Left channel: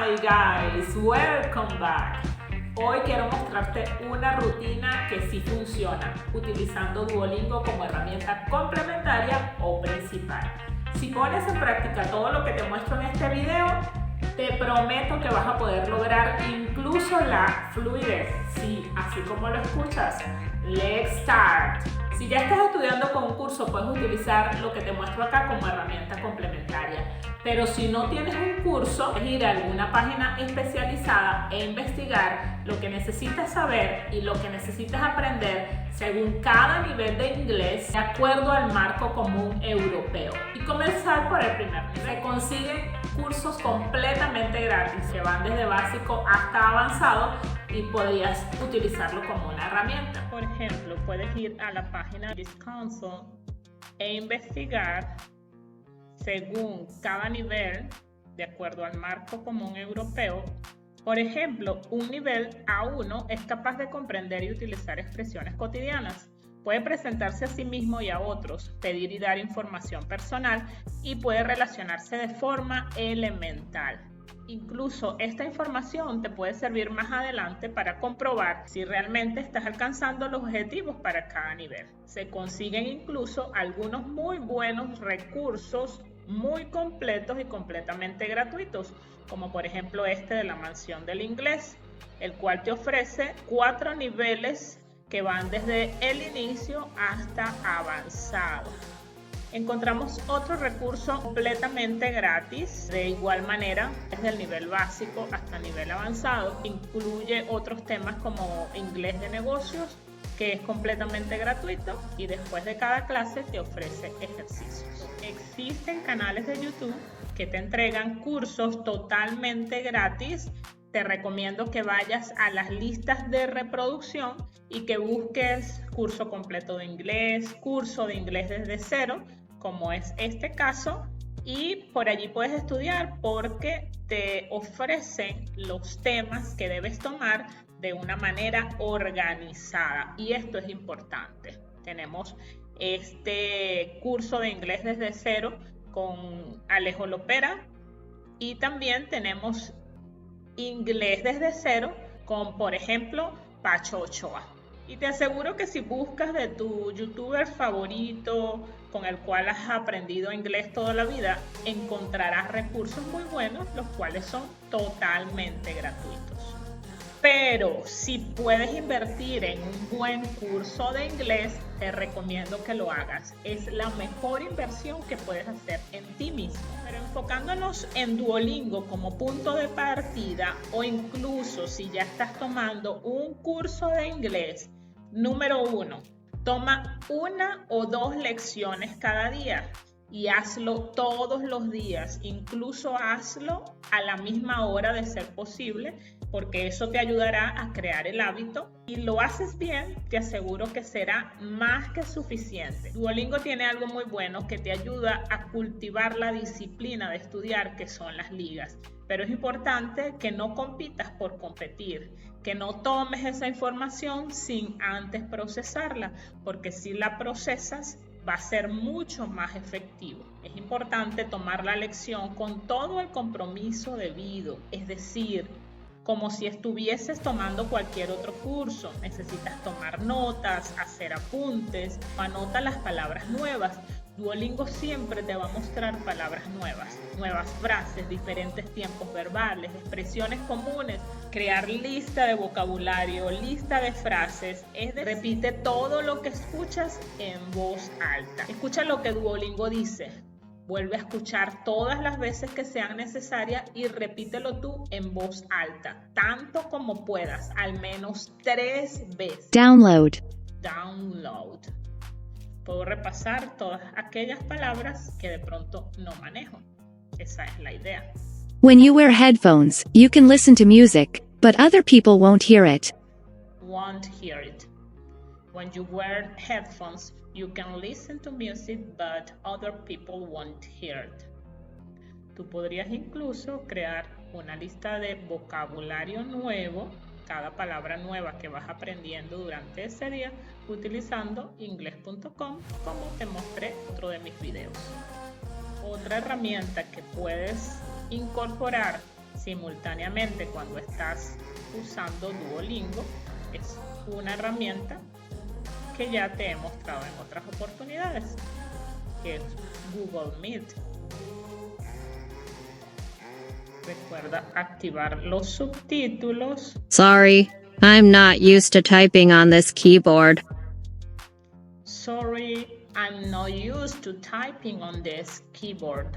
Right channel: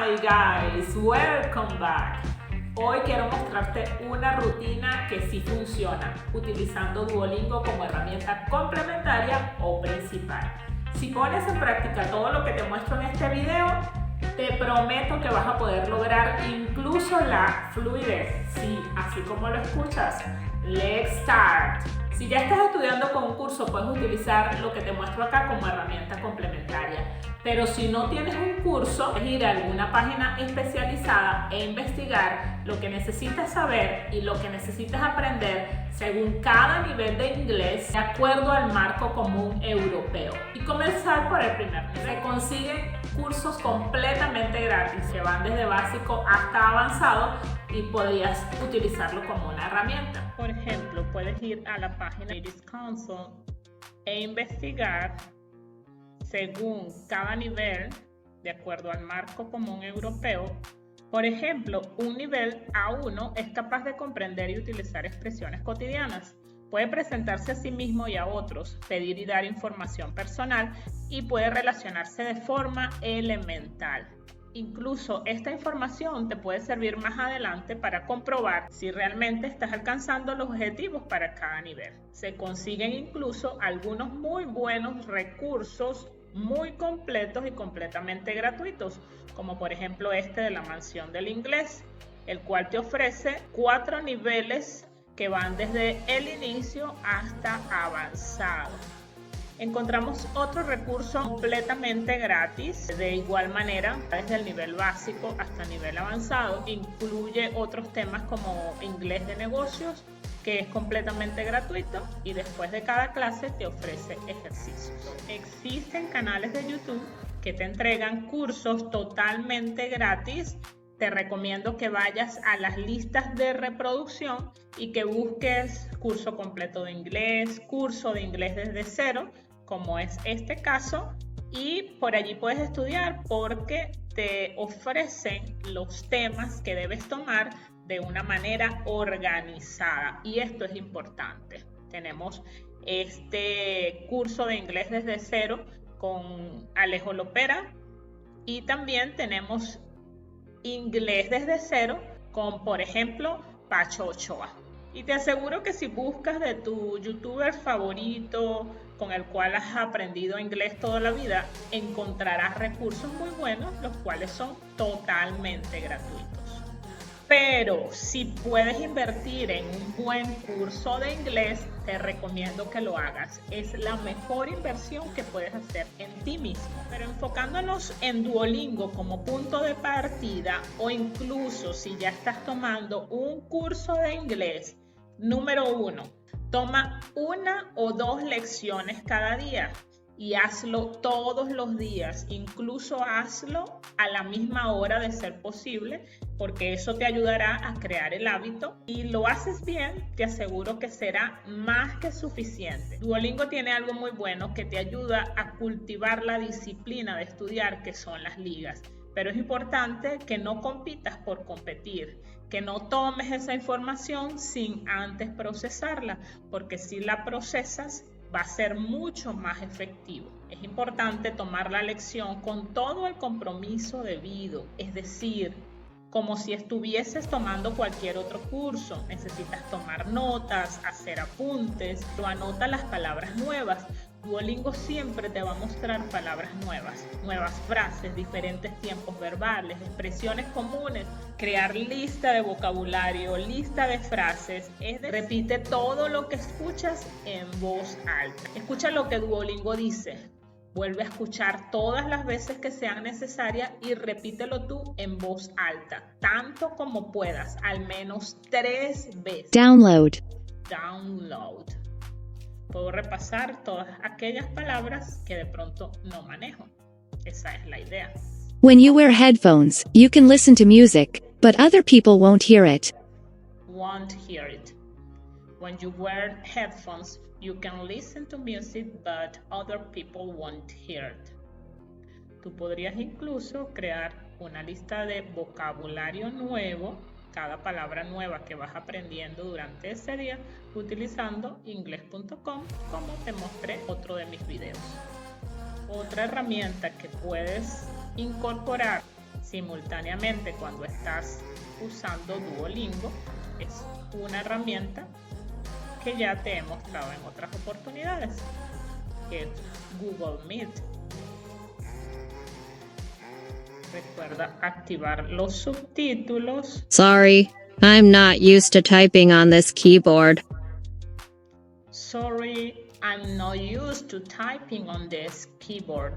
Hi guys, welcome back. Hoy quiero mostrarte una rutina que sí funciona, utilizando Duolingo como herramienta complementaria o principal. Si pones en práctica todo lo que te muestro en este video, te prometo que vas a poder lograr incluso la fluidez. Sí, así como lo escuchas. Let's start. Si ya estás estudiando con un curso, puedes utilizar lo que te muestro acá como herramienta complementaria. Pero si no tienes un curso, es ir a alguna página especializada e investigar lo que necesitas saber y lo que necesitas aprender según cada nivel de inglés de acuerdo al marco común europeo. Y comenzar por el primer nivel. Se consiguen cursos completamente gratis que van desde básico hasta avanzado y podrías utilizarlo como una herramienta. Por ejemplo, puedes ir a la página de Council e investigar según cada nivel, de acuerdo al marco común europeo. Por ejemplo, un nivel A1 es capaz de comprender y utilizar expresiones cotidianas. Puede presentarse a sí mismo y a otros, pedir y dar información personal y puede relacionarse de forma elemental. Incluso esta información te puede servir más adelante para comprobar si realmente estás alcanzando los objetivos para cada nivel. Se consiguen incluso algunos muy buenos recursos muy completos y completamente gratuitos, como por ejemplo este de la Mansión del Inglés, el cual te ofrece 4 niveles que van desde el inicio hasta avanzado. Encontramos otro recurso completamente gratis, de igual manera, desde el nivel básico hasta el nivel avanzado. Incluye otros temas como inglés de negocios, que es completamente gratuito, y después de cada clase te ofrece ejercicios. Existen canales de YouTube que te entregan cursos totalmente gratis. Te recomiendo que vayas a las listas de reproducción y que busques curso completo de inglés, curso de inglés desde cero, como es este caso, y por allí puedes estudiar porque te ofrecen los temas que debes tomar de una manera organizada, y esto es importante. Tenemos este curso de inglés desde cero con Alejo Lopera y también tenemos inglés desde cero con, por ejemplo, Pacho Ochoa. Y te aseguro que si buscas de tu youtuber favorito con el cual has aprendido inglés toda la vida, encontrarás recursos muy buenos, los cuales son totalmente gratuitos. Pero si puedes invertir en un buen curso de inglés, te recomiendo que lo hagas. Es la mejor inversión que puedes hacer en ti mismo. Pero enfocándonos en Duolingo como punto de partida, o incluso si ya estás tomando un curso de inglés, número 1, toma 1 o 2 lecciones cada día y hazlo todos los días. Incluso hazlo a la misma hora de ser posible, porque eso te ayudará a crear el hábito, y lo haces bien, te aseguro que será más que suficiente. Duolingo tiene algo muy bueno que te ayuda a cultivar la disciplina de estudiar, que son las ligas. Pero es importante que no compitas por competir, que no tomes esa información sin antes procesarla, porque si la procesas va a ser mucho más efectivo. Es importante tomar la lección con todo el compromiso debido, es decir, como si estuvieses tomando cualquier otro curso. Necesitas tomar notas, hacer apuntes, anotar las palabras nuevas. Duolingo siempre te va a mostrar palabras nuevas frases, diferentes tiempos verbales, expresiones comunes, crear lista de vocabulario, lista de frases. Repite todo lo que escuchas en voz alta. Escucha lo que Duolingo dice. Vuelve a escuchar todas las veces que sea necesaria y repítelo tú en voz alta, tanto como puedas, al menos 3 veces. Download. Puedo repasar todas aquellas palabras que de pronto no manejo. Esa es la idea. When you wear headphones, you can listen to music, but other people won't hear it. When you wear headphones, you can listen to music, but other people won't hear it. Tú podrías incluso crear una lista de vocabulario nuevo, cada palabra nueva que vas aprendiendo durante ese día, utilizando inglés.com, como te mostré otro de mis videos. Otra herramienta que puedes incorporar simultáneamente cuando estás usando Duolingo. Es una herramienta que ya te he mostrado en otras oportunidades, que es Google Meet. Recuerda activar los subtítulos. Sorry, I'm not used to typing on this keyboard. Sorry, I'm not used to typing on this keyboard.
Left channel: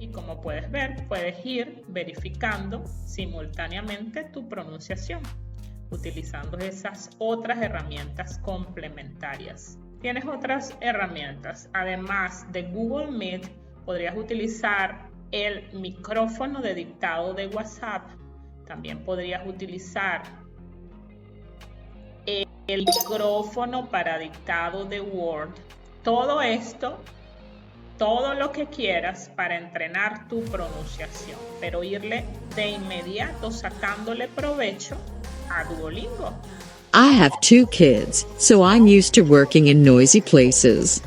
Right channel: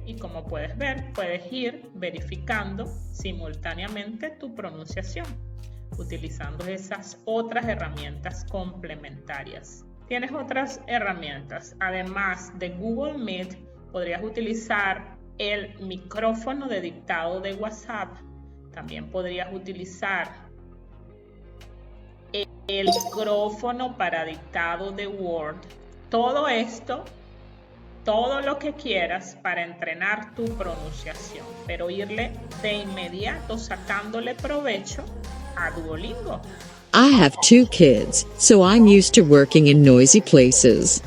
Y como puedes ver, puedes ir verificando simultáneamente tu pronunciación, utilizando esas otras herramientas complementarias. Tienes otras herramientas, además de Google Meet, podrías utilizar el micrófono de dictado de WhatsApp. También podrías utilizar el micrófono para dictado de Word. Todo esto, todo lo que quieras para entrenar tu pronunciación, pero irle de inmediato sacándole provecho a Duolingo. I have 2 kids, so I'm used to working in noisy places.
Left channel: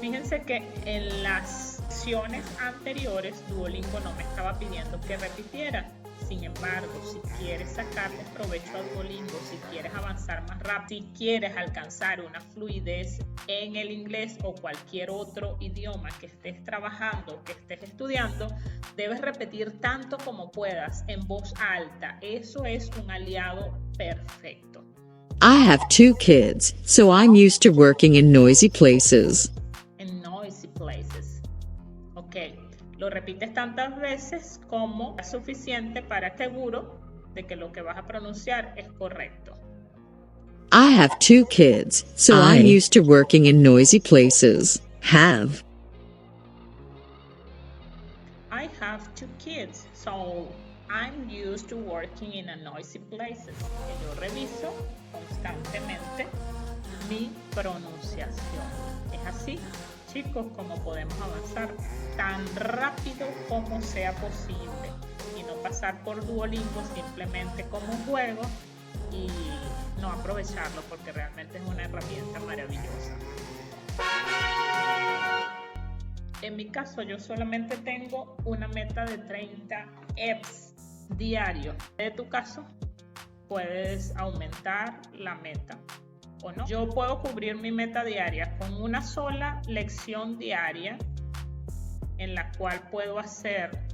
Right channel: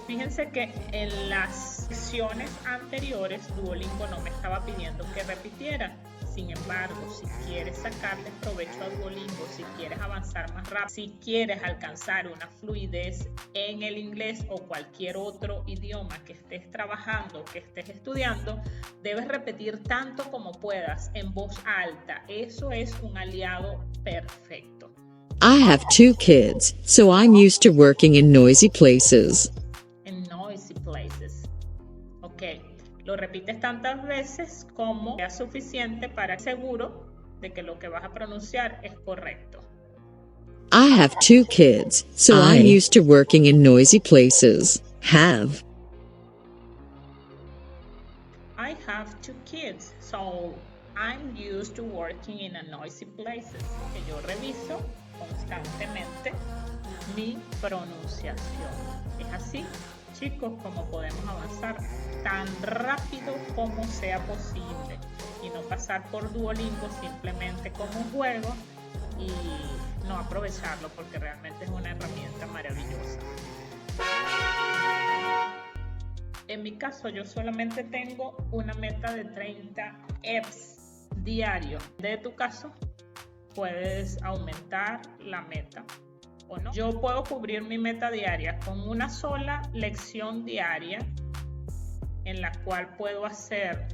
Fíjense que en las secciones anteriores Duolingo no me estaba pidiendo que repitiera. Sin embargo, si quieres sacarle provecho a Duolingo, si quieres avanzar más rápido, si quieres alcanzar una fluidez en el inglés o cualquier otro idioma que estés trabajando o que estés estudiando, debes repetir tanto como puedas en voz alta. Eso es un aliado perfecto. I have 2 kids, so I'm used to working in noisy places. En noisy places. Ok, lo repites tantas veces como es suficiente para estar seguro de que lo que vas a pronunciar es correcto. I have 2 kids, so I'm used to working in noisy places. Have. I have 2 kids, so I'm used to working in a noisy place. Yo reviso constantemente mi pronunciación. Es así, chicos, como podemos avanzar tan rápido como sea posible y no pasar por Duolingo simplemente como un juego y no aprovecharlo porque realmente es una herramienta maravillosa. En mi caso, yo solamente tengo una meta de 30 EPS diarios. En tu caso, puedes aumentar la meta. O no. Yo puedo cubrir mi meta diaria con una sola lección diaria en la cual puedo hacer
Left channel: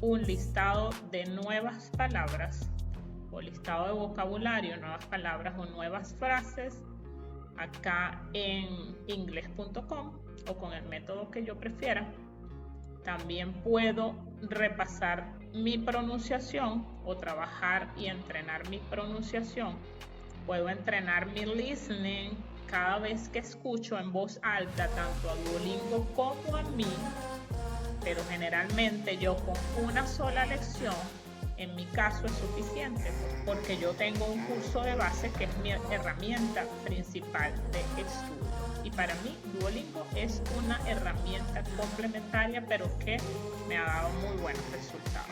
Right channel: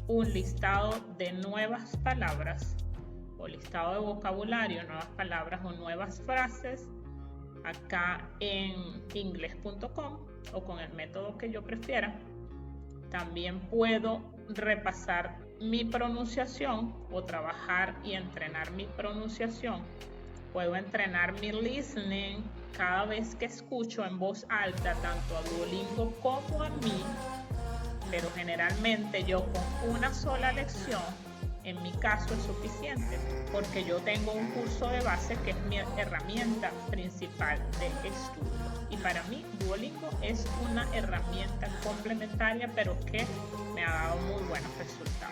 un listado de nuevas palabras o listado de vocabulario, nuevas palabras o nuevas frases acá en ingles.com o con el método que yo prefiera. También puedo repasar mi pronunciación o trabajar y entrenar mi pronunciación. Puedo entrenar mi listening cada vez que escucho en voz alta tanto a Duolingo como a mí, pero generalmente yo con una sola lección, en mi caso es suficiente, porque yo tengo un curso de base que es mi herramienta principal de estudio. Y para mí Duolingo es una herramienta complementaria, pero que me ha dado muy buenos resultados.